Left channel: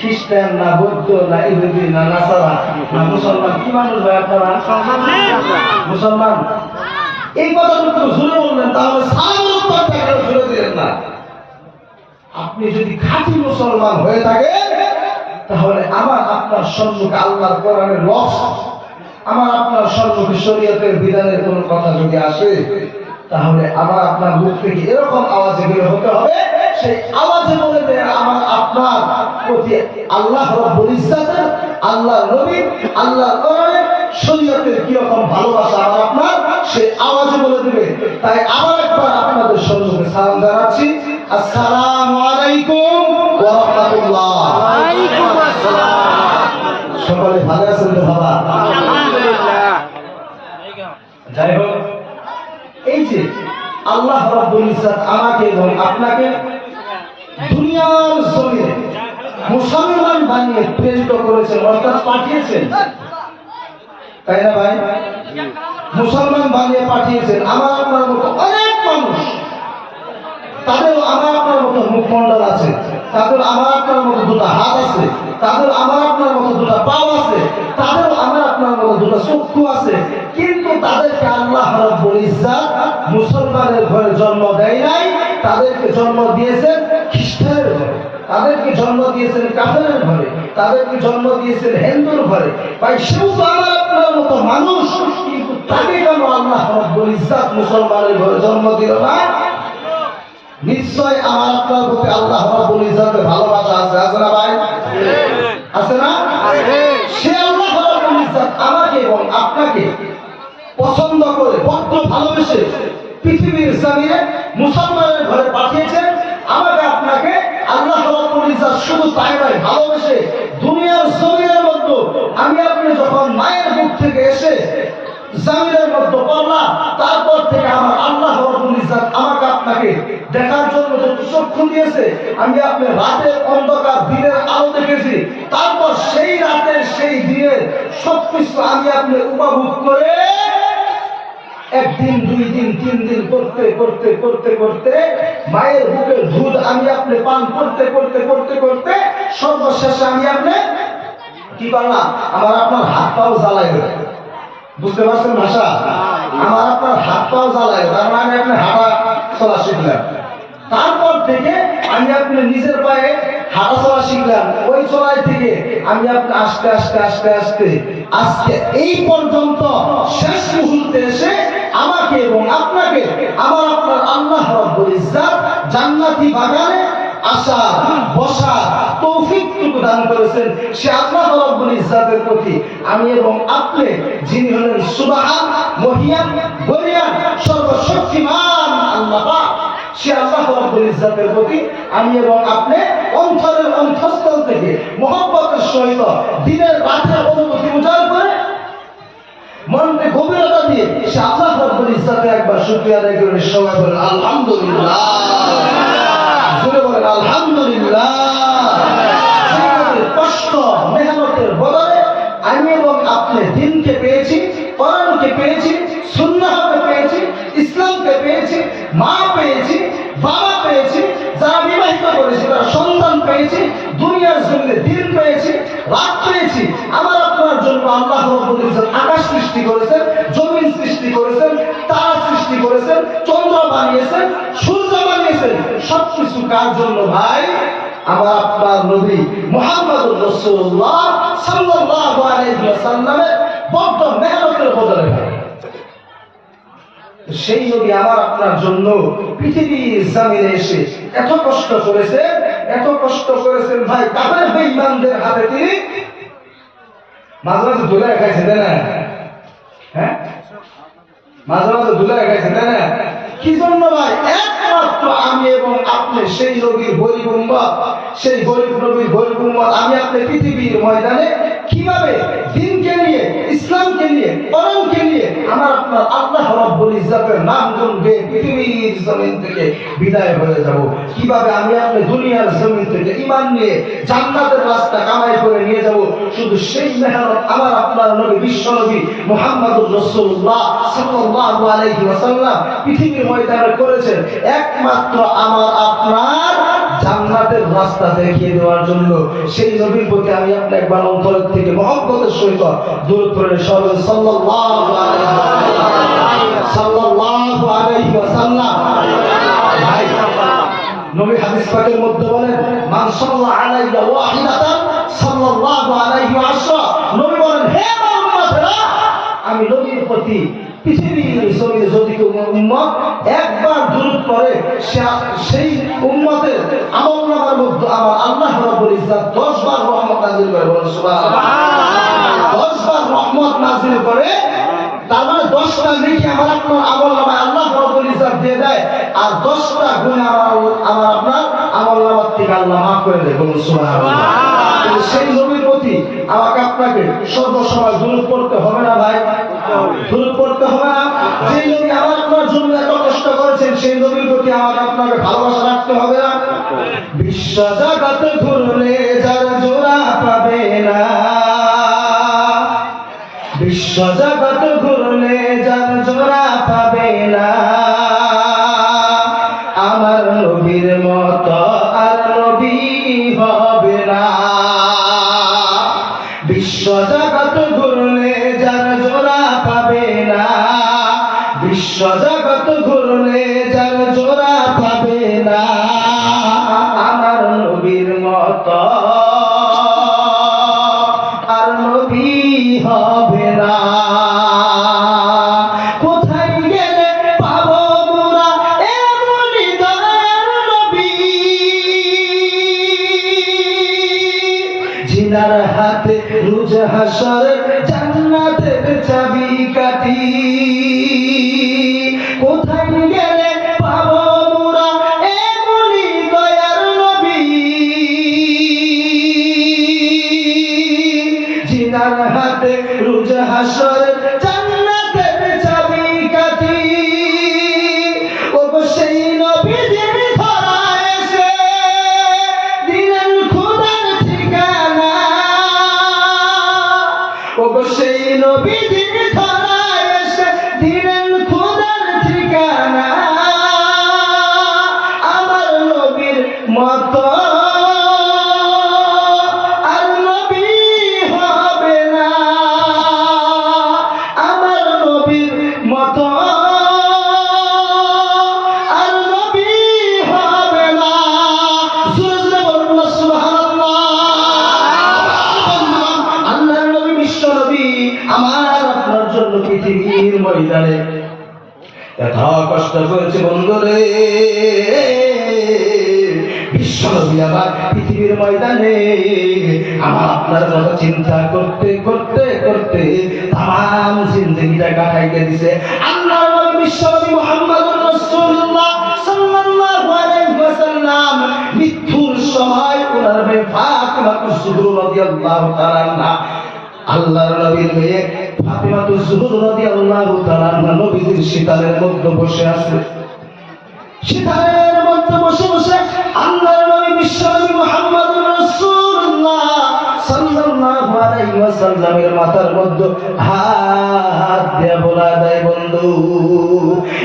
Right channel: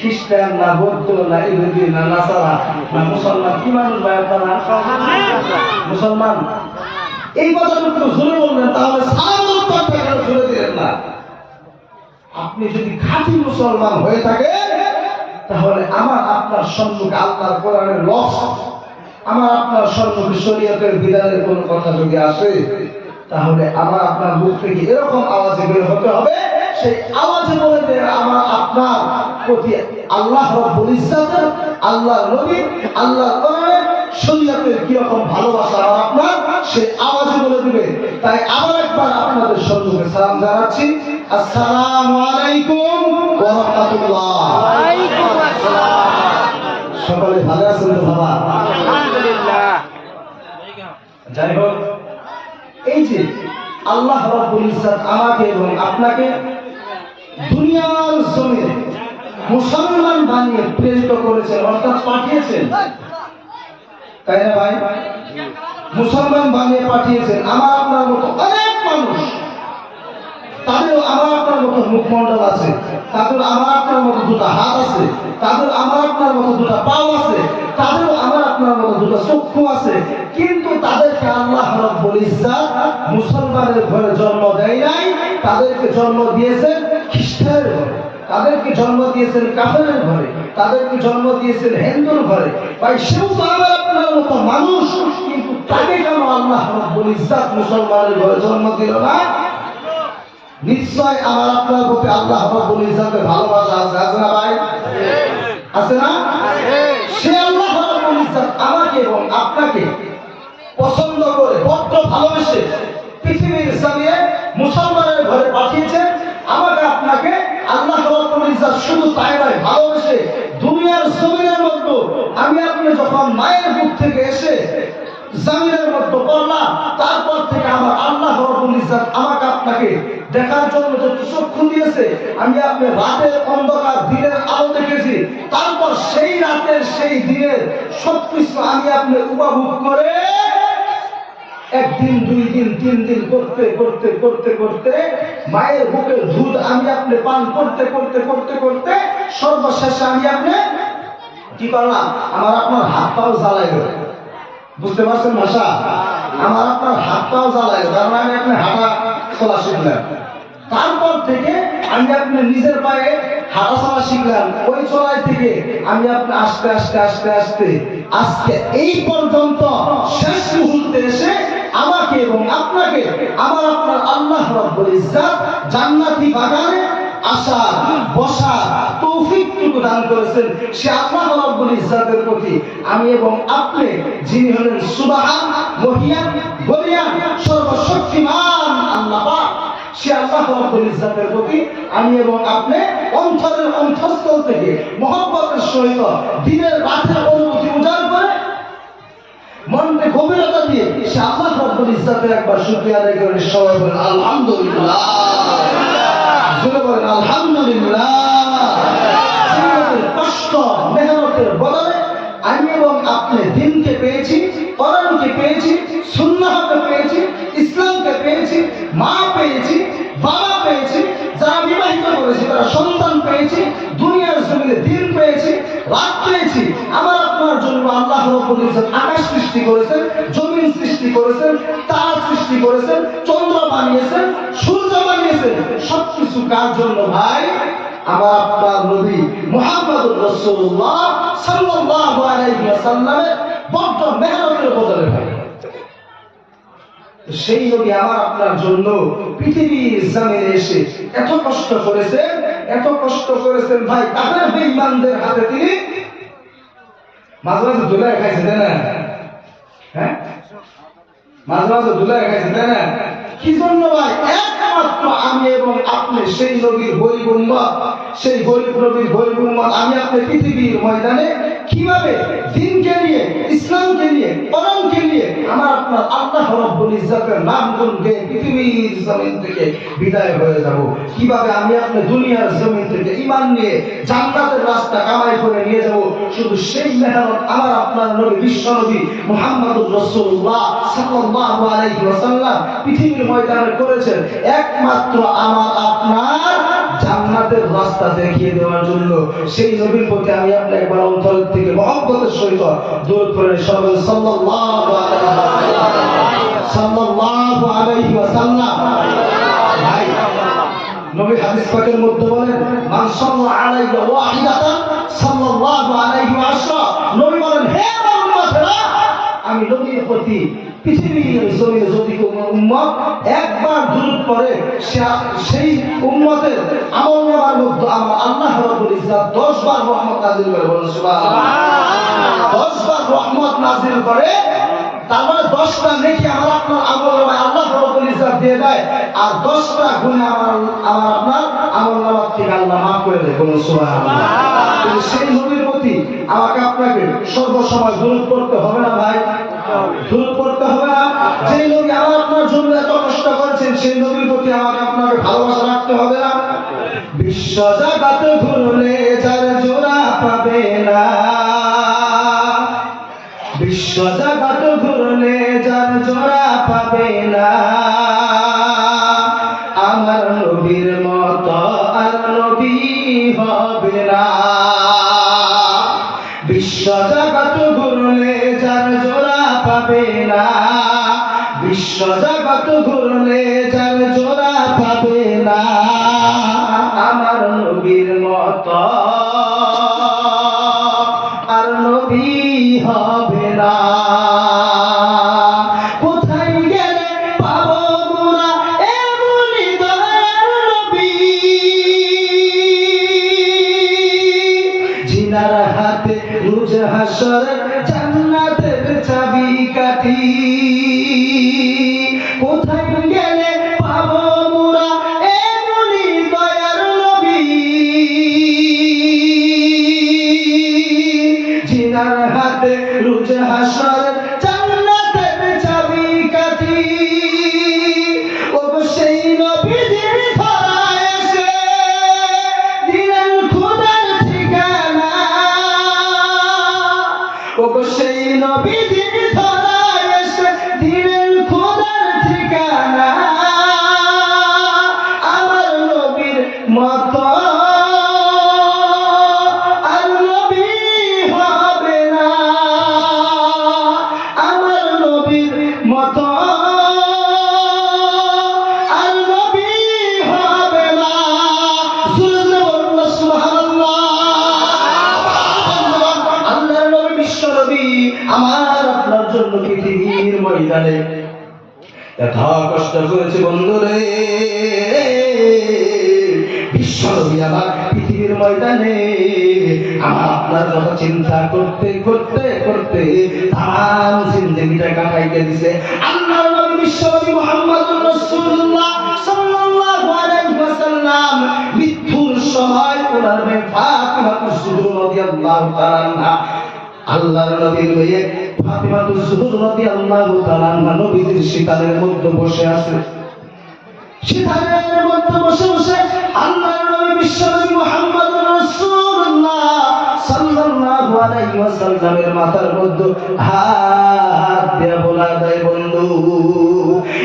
খ্রিস্টান না বৌদ্ধ না ইহুদি না নাসারা না মুসলমান, কি মানুষ ভাই আপনারা? মুসলমান। এই কথাটুকু জোরে বললেন, তাহলে সারা উত্তরটা কেন জোরে দিলেন না? আপনি যদি খাঁটি মুসলমান হয়ে থাকেন, তাহলে আমার আপনার সম্মুখে আল্লাহর কোরআনের লফজ, আমার আপনার সম্মুখে শরীয়তের বিধানের কোনো কথা যদি আসে, তাহলে আমার আপনার মুখ থেকে এরকম আওয়াজে বের হতে হবে, সেই আওয়াজে বলে দেয় আমার আপনার প্রতি আল্লাহ রাব্বুল ইজ্জাতের, আল্লাহর নবী, আল্লাহর কোরআন, শরীয়তের কিরকম ভালোবাসা আমার আপনার, সেই আওয়াজে বলে দিবে। তাই আবার একবার আপনাদের সম্মুখে সালাম জানাচ্ছি, আসসালামু আলাইকুম ওয়া রাহমাতুল্লাহ। সকলে ভালো আছেন তো বাবা? যাই হোক, এই যে আল্লাহ রাব্বুল ইজ্জাত আমাকে এবং আপনাকে দুনিয়ার জমিনে মুসলমান বানিয়ে প্রেরিত করেছেন, অর্থাৎ পাঠিয়েছেন, তাই না ভাই? মুসলমান বানিয়ে পাঠিয়েছেন। আমার আপনার মতো অনেক মানুষ, তাদের আমার আপনার মতো মুখমণ্ডল আছে, তাদের আমার আপনার মতো দুটো হাত আছে, তাদের আমার আপনার মতো দুটো পাও আছে, তাদেরও আমার আপনার মতো দুটো চক্ষু আছে, কিন্তু তাদেরকে আল্লাহ রাব্বুল ইজ্জাত মুসলমানের ঘরে জন্ম দেয় নাই, তাদেরকে জন্ম দিয়েছেন খ্রিস্টানের ঘরে, তাদেরকে জন্ম দিয়েছেন কাফেরের ঘরে, তাদেরকে জন্ম দিয়েছেন হিন্দুর ঘরে। ভাই, সেও তো আমার আপনার মতো মানুষ, কিন্তু তাকে কেন আল্লাহ রাব্বুল ইজ্জাত মুসলমানের ঘরে জন্ম দিল না? নিশ্চয় আমার আপনার প্রতি আল্লাহ রাব্বুল ইজ্জাতের ভালোবাসা আছে, আছে না ভাই? আছে না? সে আল্লাহ রাব্বুল ইজ্জাত আমাকে এবং আপনাকে পছন্দ করে, বড্ড ভালোবেসে পৃথিবীর জমিনে মুসলমানের ঘরে পাঠিয়েছেন। আমাকে আপনাকে আল্লাহ রাব্বুল ইজ্জাত শুধু তাই নয়, ভালোবেসে দুনিয়ার জমিনের মধ্যে আমি আপনি যখন মায়ের বুক থেকে এসে জমিনের মধ্যে পড়লাম, তারপর থেকে আমার আল্লাহ রাব্বুল ইজ্জাত আমাকে আপনাকে দেখার জন্য যত চক্ষু দিয়েছে, আমি আপনি রাতের অন্ধকার দিনের আলো দেখেছি, তারপর সেই রাতের সেই দিনের সবকিছু আমি আপনি উপভোগ করে একদিন, দুই দিন, তিন দিন করতে করতে করতে করতে মায়ের বুকের দুধ আমি আপনি পান করতে করতে করতে করতে সর্বশেষে আমি আপনি কি করলাম? আমার আপনার হাত পাও জ্বালাই গেল। বুঝতে পারছেন ভাষা? আমার আপনার হাত পাও জ্বালাই, কারণ আমি আপনি হাঁটা চলা শিখলাম। তারপর থেকে আমি আপনি নিজের পায়ে হাঁটা চলা শিখলাম। ওই চলাই থেকে আমি আপনি আস্তে আস্তে আস্তে আস্তে আজকে এই পর্যন্ত শেষ মুহূর্তে এসে আমাকে এবং আপনাকে আমার আপনার আল্লাহ রাব্বুল ইজ্জাত জান্নাতি বাগানে আসার, বসার তৌফিকটুকু দান করেছেন। সে আল্লাহ রাব্বুল ইজ্জাতের প্রতি আমি এবং আপনি, যিনি হলেন সুবহান, মহিয়ান, বলিয়ান, সর্বশক্তিমান আল্লাহ পাক, সে আল্লাহ রাব্বুল ইজ্জাতের প্রতি আমি এবং আপনি অন্তরের অন্তঃস্থল থেকে মহব্বতের সহিত দিনের রাতের অনুভূতি উজাড় করে মনকে গভীরতা দিয়ে সে আল্লাহ রাব্বুল ইজ্জাতের একবার শুকরিয়া আদায় করে সবাই বলেন আলহামদুলিল্লাহ। জোরে বলেন আলহামদুলিল্লাহ। কষ্ট মেহনতের বদলে আমি এবং আপনি দিনকে পেয়েছি, কোরআনকে পেয়েছি, সুন্নাহকে পেয়েছি, ইসলামকে পেয়েছি, মা পেয়েছি, বাবা পেয়েছি, যারা বিবাহিত করেছি তারা সন্তান পেয়েছি, দুনিয়ার জমিনে দিন পেয়েছি, রাত পেয়েছি। আমার আপনার জন্য আল্লাহ রাব্বুল ইজ্জাত আকাশ সৃষ্টি করেছেন, জমিন সৃষ্টি করেছেন, তারা সৃষ্টি করেছেন, চন্দ্র বানিয়েছেন, সূর্য বানিয়েছেন। সবকিছু কার জন্য ভাই? আমার আপনার নবী মুহাম্মদুর রাসূলুল্লাহ সাল্লাল্লাহু আলাইহি ওয়াসাল্লামের বড় মেহনতের বদলে ভাই। সেই নবী আমার আপনার জন্য পৃথিবীর জমিনে এসে এত কষ্ট করেছে, এত কষ্ট করেছেন ভাই। কাফের বেঈমানদের হাতে তিনি মাঝে মাঝে ধুলে খাইছে, তাই না? হ্যাঁ, মাঝে মাঝে ধুলে খাইছে, তাই না? কি জন্য ভাই? একমাত্র আমি এবং আপনি সেই নবীর গরীব উম্মত, সেই গরীব নবীর গরীব উম্মত আমি আপনি পৃথিবীর ময়দানে কিভাবে দিনকে নিয়ে, ইসলামকে নিয়ে, কোরআনকে নিয়ে আমার আপনার আল্লাহ রাব্বুল ইজ্জাতের নাম গুণ গেয়ে পৃথিবীর জমিন থেকে বিদায় হয়ে যাব, কিভাবে আমি আপনি দুনিয়ার জমিন থেকে ঈমান নিয়ে জান্নাতের রাস্তা কামাই করে নিয়ে যাব, শুধু সেই মেহনত আমার আপনার নবী, বিশ্ব নবী মুহাম্মদুর রাসূলুল্লাহ সাল্লাল্লাহু আলাইহি ওয়াসাল্লাম পৃথিবীর ময়দানে করেছেন। একমাত্র আমার আপনার জান্নাতের রাস্তা দেখিয়ে দেওয়ার জন্য সেই নবীর প্রতি আমি আপনার একবার অন্তরের থেকে মহব্বতের সহিত দরুদ পড়ে সবাই সাল্লাল্লাহু আলাইহি ওয়াসাল্লাম সাল্লাল্লাহু আলাইহি ওয়াসাল্লাম। ভাই নবী হাদিস পাকের মধ্যে বলেন মান সাল্লা আলাইয়া ওয়াহিদাতান সাল্লাল্লাহু আলাইহি ওয়াসাল্লাম। নবী বলেন হে আমার উম্মতেরা, আমি নবীর প্রতি পৃথিবীর জমিনে যদি কোনো উম্মত একবার দরুদ পড়ে সেই উম্মতের আমলনামার মধ্যে আমার আল্লাহ রাব্বুল ইজ্জত 10 বার রহমত নাযিল করে। বলেন সুবহানাল্লাহ। 10 বার রহমত নাযিল করে, তার মানে 10টা নেকি আমার আপনার আমলনামায় আল্লাহ রাব্বুল ইজ্জত দিয়ে দেয়, আর 10টা গুনাহ আমার আপনার আমলনামা থেকে আল্লাহ মাফ করে দেয়। বলেন সুবহানাল্লাহ। সেই নবীর প্রতি আমাকে আপনাকে সর্বসময় দরুদ পড়তে হবে না ভাই? দরুদ পড়তে হবে না? যেই নবী আমার আপনার জন্য এত কষ্ট করেছেন সেই নবীর প্রতি আমাকে আপনাকে ভালোবাসা রাখতে হবে না? বিশ্ব জগৎ ঘুরলে যার জোড়া পাবে না, বিশ্ব জগৎ ঘুরলে যার জোড়া পাবে না, আমার নবীর মতো আর নবী হবে না। বিশ্ব জগৎ ঘুরলে যার জোড়া পাবে না, বিশ্ব জগৎ ঘুরলে যার জোড়া পাবে না, আমার নবীর মতো আর নবী হবে না। কোথায় গেলে পাবো মোরা এমনি দয়ার নবী, জিনার হাতে রোজ হাসরে জান্নাতের চাবিকাঠি। কোথায় গেলে পাবো মোরা এমনি দয়ার নবী, জিনার হাতে রোজ হাসরে জান্নাতের চাবিকাঠি। ওগো সেই নবী যিনি ধরায় এসে দিলেন খোদার ঠিকানা, ওগো সেই নবী যিনি ধরায় এসে দিলেন খোদার ঠিকানা, আমার নবীর মতো আর নবী হবে না, আমার নবীর মতো আর নবী হবে না। সুবহানাল্লাহ। আল্লাহর নবী বিশ্ব নবী আমার আপনার জন্য পৃথিবীর ময়দানে এত কষ্ট করেছে বন্ধুরে। বিশ্ব নবী আমার পৃথিবীর ময়দানে আমার আপনার কথা চিন্তা করতে করতে করতে তাম জিন্দেগিটা কাটাইতে দিছে। আল্লাহর নবী বিশ্ব নবী মুহাম্মদুর রাসূলুল্লাহ সাল্লাল্লাহু আলাইহি ওয়াসাল্লাম মৃত্যুর সময় ওনার মেয়ে ফাতিমা কুসুর রাদিয়াল্লাহু তাআলা আনহা, আল্লাহর নবীর মেয়ে ফাতিমা কুসুর রাদিয়াল্লাহু তাআলা আনহা নবীজির শিকারের মধ্যে বসে আছে। শিকারের মধ্যে বসে বসে আল্লাহর নবী বিশ্ব নবী মুহাম্মদুর রাসূলুল্লাহ সাল্লাল্লাহু আলাইহি ওয়াসাল্লামের মাথার মধ্যে হাত দিয়ে বলা দেয় বন্ধু।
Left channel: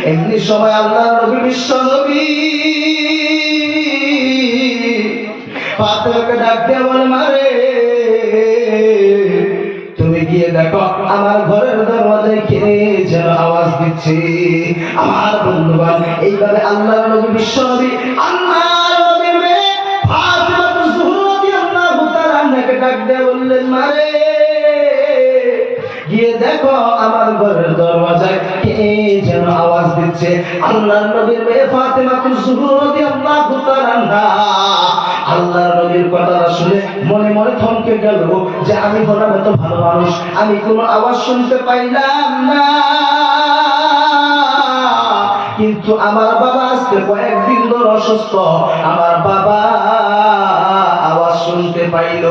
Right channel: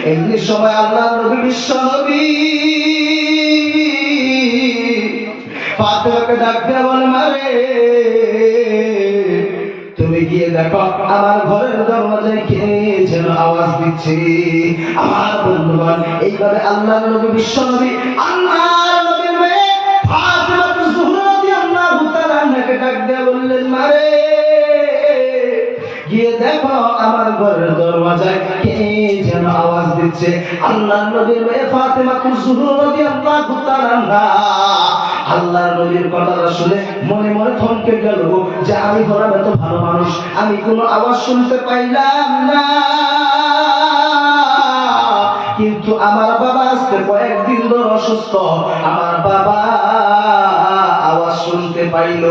এমনি সময় আল্লাহর নবী বিশ্ব নবী ফাতিমাকে ডাক দিয়ে বলে মারে তুমি গিয়ে দেখো আমার ঘরের দরজায় কে যেন আওয়াজ দিচ্ছে। আমার বন্ধুগণ এইভাবে আল্লাহর নবী বিশ্ব নবী আল্লাহর নবীর মেয়ে ফাতিমা কুসুর রাদিয়াল্লাহু তাআলা আনহাকে ডাক দিয়ে বললেন মারে গিয়ে দেখো আমার ঘরের দরজায় কে যেন আওয়াজ দিচ্ছে। আল্লাহর নবীর মেয়ে ফাতিমা কুসুর রাদিয়াল্লাহু তাআলা আনহা আল্লাহর নবীর কথাটা শুনে মনে মনে থমকে গেল যে আমি বলার মতো ভালো মানুষ, আমি কোনো আওয়াজ শুনতে পাইলাম না, কিন্তু আমার বাবা আজকে কয়েকদিন ধরে অসুস্থ, আমার বাবা আওয়াজ শুনতে পাইল।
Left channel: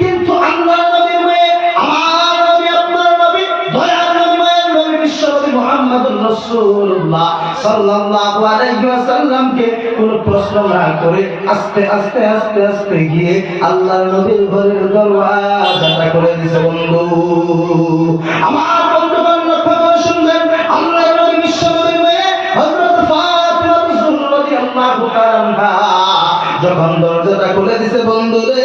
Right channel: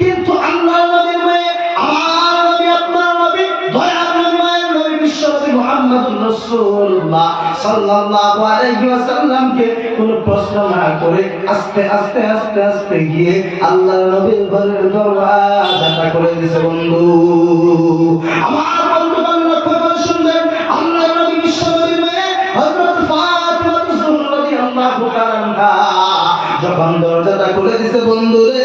কিন্তু আল্লাহর নবীর মেয়ে আমার নবী আপনার নবী দয়ার নবী মায়ের নবী বিশ্ব নবী মুহাম্মদুর রাসূলুল্লাহ সাল্লাল্লাহু আলাইহি ওয়াসাল্লামকে কোনো প্রশ্ন না করে আস্তে আস্তে আস্তে আস্তে গিয়ে আল্লাহর নবীর ঘরের দরওয়াজাটা খুলে দিয়েছে বন্ধু। আমার বন্ধুগণ লক্ষ্য করে শুনবেন, আল্লাহর নবী বিশ্ব নবীর মেয়ে হযরত ফাতিমা রাদিয়াল্লাহু তাআলা আনহা যখন দরজাটা খুলে দিছে বন্ধু রে